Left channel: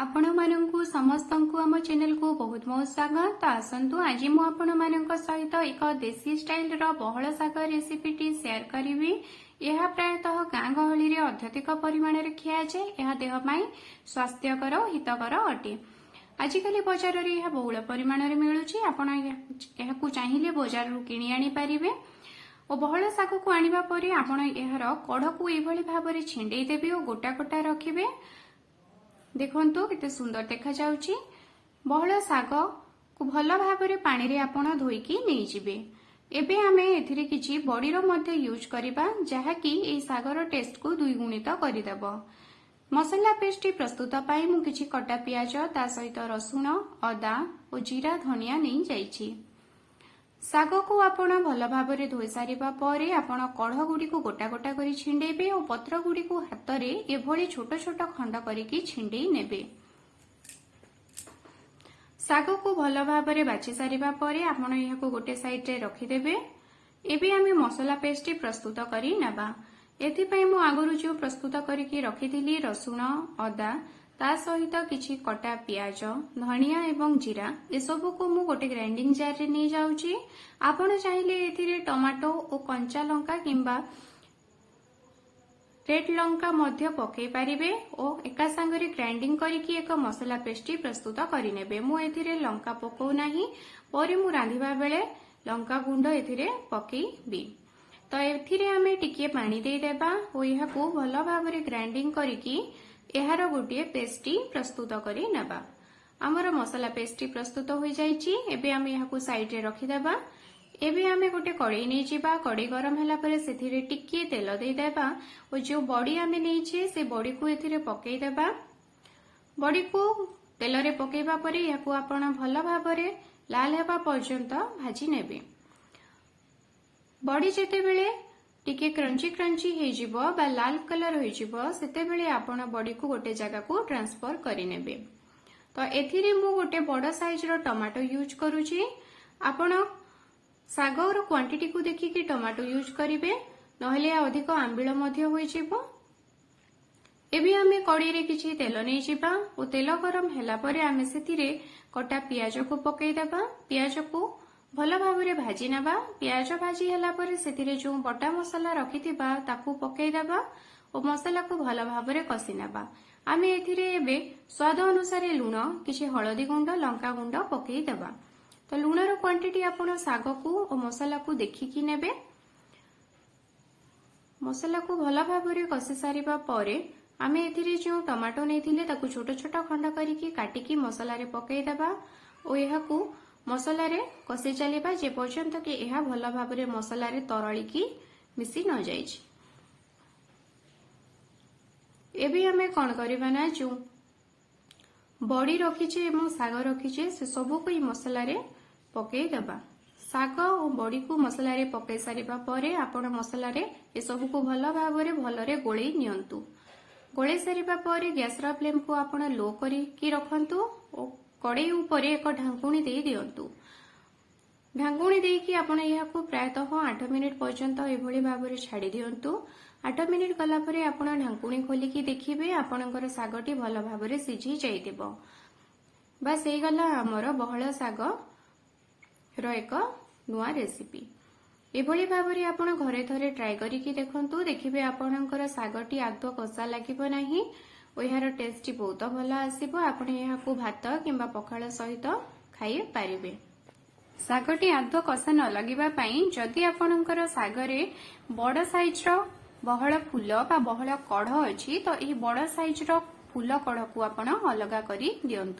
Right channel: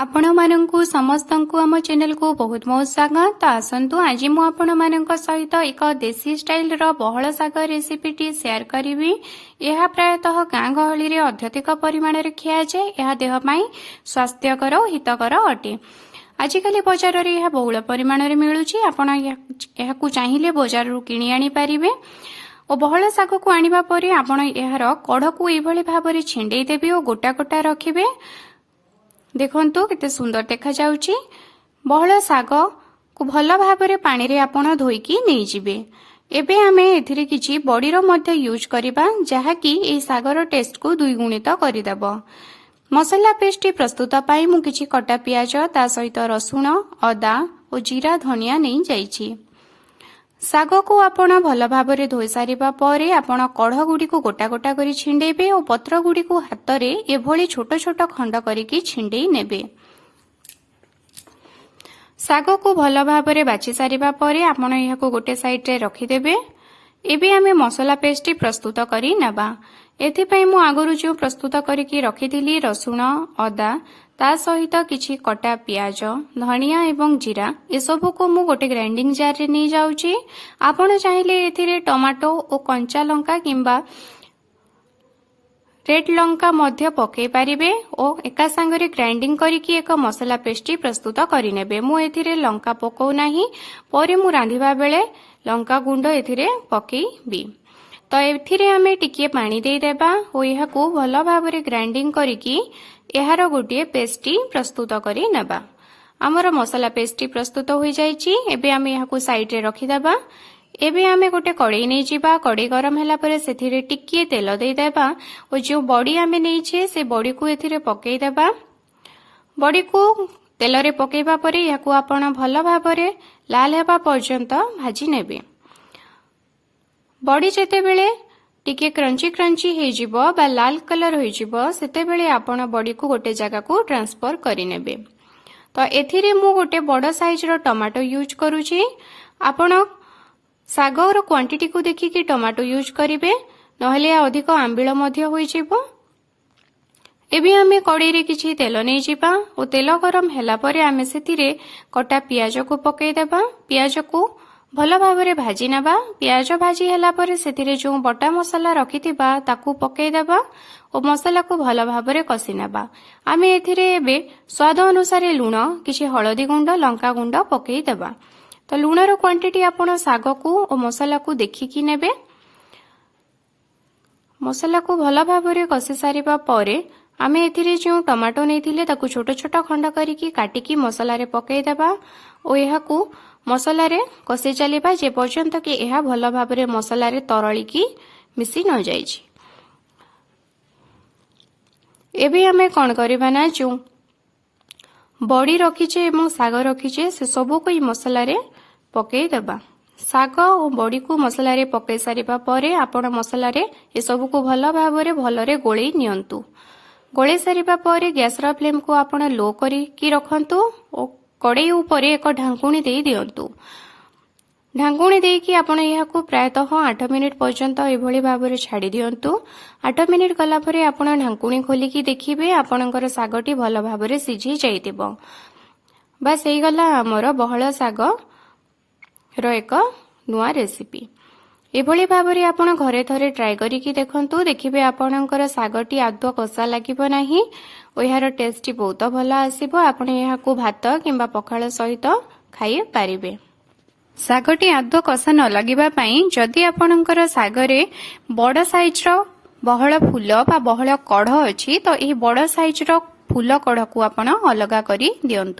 आपण मानंकु समस्तंकु आम चैनल को बहुत बहुत स्वागत। तो आसंतु आज मु आपण मानक सहित एक देसी स्टाइल रो बहळ शाग रेसिपी टी शेयर करिवि। यह प्रायतः गाँ गहली रे अत्यधिक परिमाण रे खिया जाए। यह देह पई स्वास्थ्यकर और हितकर अटे। आजिकल बाजार रे यह बहुल परिमाण रे मिलुची। आपण यहाकु चाहिले बाजार रु किनि आनी परिबे। और बहळ शाग को आनिबा परे आपण एहार कढ को एभली भाबरे छिंडेई देबे और गोटा गोटा रखिबे। देखंतु केते सुंदर देखा जाउची। बहळ शाग को भल भाबरे पानी रे आपण धोईकी नै जिबे। एबे आमे एथिरे किछि बडीरो मध्ये यूज करिबा जहा कि ए शागर टेस्ट को दुई गुणित करि देबो। मसाला पेस्ट प्रस्तुत पाई मु किछि कटा पियाज ता सहित रसुण अदा और जीरा धनिया नै जाइछि। शाग को आपण भल भाबरे धोई सारिबा परे आपण कढ गुडी को गोटा गोटा करी छिंडेबे और पत्र गुडी को हाथ रे एभली छोट छोट खंड करिकी छिंडेई नेबे। शाग को भल भाबरे बाछि सारिबा परे आपण यहाको गोटे साइड रे रखि देबे। एबे आमे मसाला पेस्ट प्रस्तुत करी नेबा। एथि पई मु आगरु जो प्रस्तुत करिकी रखिथिली रसुण अदा ता सहित किछि कटा पियाज धनिया एवं जीरा ए सब को मु गोटे ग्राइंडिंग जार रे नै जाउची। आपण चाहिले एथिरे टमाटो और कंचा लंका किंबा रेड लंका मध्य पके पारिबे और एका संगरे ग्राइंडिंग करिकी एक मसाला पेस्ट प्रस्तुत करि नेबे। मु एथिरे लंका पकौ नाही, परे मु रांधिबा बेले लंका गुंड एथिरे पकेइबी। तो एथिरे आमे टिके पानी दे देबा और यहाकू भल भाबरे ग्राइंडिंग करिकी एहार गोटे पेस्टी प्रस्तुत करि नेबा। हमर मसाला पेस्टी प्रस्तुत हो जाइछि। एबे आमे यहाकू साइड रे रखि देबा। एबे आमे गोटे कड़ाई नै जिबा। कड़ाई गरम होला परे सेथिरे टिके तेल दे देबा और जो बड़ी आमे नै छे से बड़ी को एथिरे पकेइ देबा। बड़ी को तेल रे पकेइबा परे यहाकू आपण भल भाबरे लाल हेबा पर्यंत भाजी नेबे। बड़ी जेते बेले टिके क्रंची क्रंची हे जिवो बा लाल कलर हो जिवो सेते बेले आपण बड़ी को गोटे जगह को ट्रांसफर करि नेबे। तो एथिरे मु गोटे बड़ साइज रो टमाटो यूज करूची। आपण सागर रो क्वांटिटी को देखिकी टमाटो यूज करिवे, नहले अधिक आंबिळ मध्य होई जिवो। एबे आमे कड़ाई रे किछि तेल नै जिबा और तेल गरम हैला परे आमे सेथिरे कटा पियाज को पकेइ देबा। पियाज को भल भाबरे भाजी नेबा। पियाज भाजी हैला परे सेथिरे जो बटा मसाला रखिथिबा ताकू पकेइ देबा और मसाला को भल भाबरे कसी नेबा। आमे एथिरे एबे स्वाद अनुसार लूण किछि हळदी गुंड लंका गुंड पकेइ देबा। तो लूण रो क्वांटिटी आपण शाग को और मसाला को देखिकी नेबे। मसाला को भल भाबरे कसी सारिबा परे आमे एथिरे जो टमाटो नैथिले ताकू छोट छोट खंड करिकी काटिकी मसाला रे पकेइ देबा और एहाकू मसाला रे कसे चलिबा जे पर्यंत कि एहा भल भाबरे मसाला रे तरळी की मिसी न जाइछि। एबे आमे कोन करबा ना जो बड़ी रखिछे एवं शाग रखिछे से सब को मसाला रे पकेइ देबा। शाग और बड़ी को मसाला रे पकेइ सारिबा परे आपण मसाला रे ए सब को भल भाबरे भलरे गोळेई नियंतु। गोळेई सारिबा परे गैस रा फ्लेम को आपण लो करी की रखंतु और कड़ाई ऊपर एक ढांकुणी दे दियंतु। ढांकुणी देकी आपण यहाकू प्रायतः 8 मिनिट पर्यंत एभली भाबरे छाड़ी दियंतु। 8 मिनिट गला परे आपण ढांकुणी खोलिकी देखिबे आपणकर शागटी भल भाबरे सिझी जाइतिबो। बस एई गला हमर बहळ शाग रो एक नुआ रेसिपी। एभली भाबरे आपण घरे थरे ट्राई करिकी देखंतु। देखिबे आपणकर शागटी आदौ कसा लागिबो नाही और यार टेस्ट बहुत भल आसीबो। आपण यहाकू भात किंबा पखाळ सहित खाई पारिबे। शागटी आदौ कसा न लागिबा पई जदि आपणकर शागरे बड़ साइज रो बहळ फूल बा बहळ कढ अछि तो एही बड़ साइज रो फूल कढ को आपण अलगा करी दियंतु।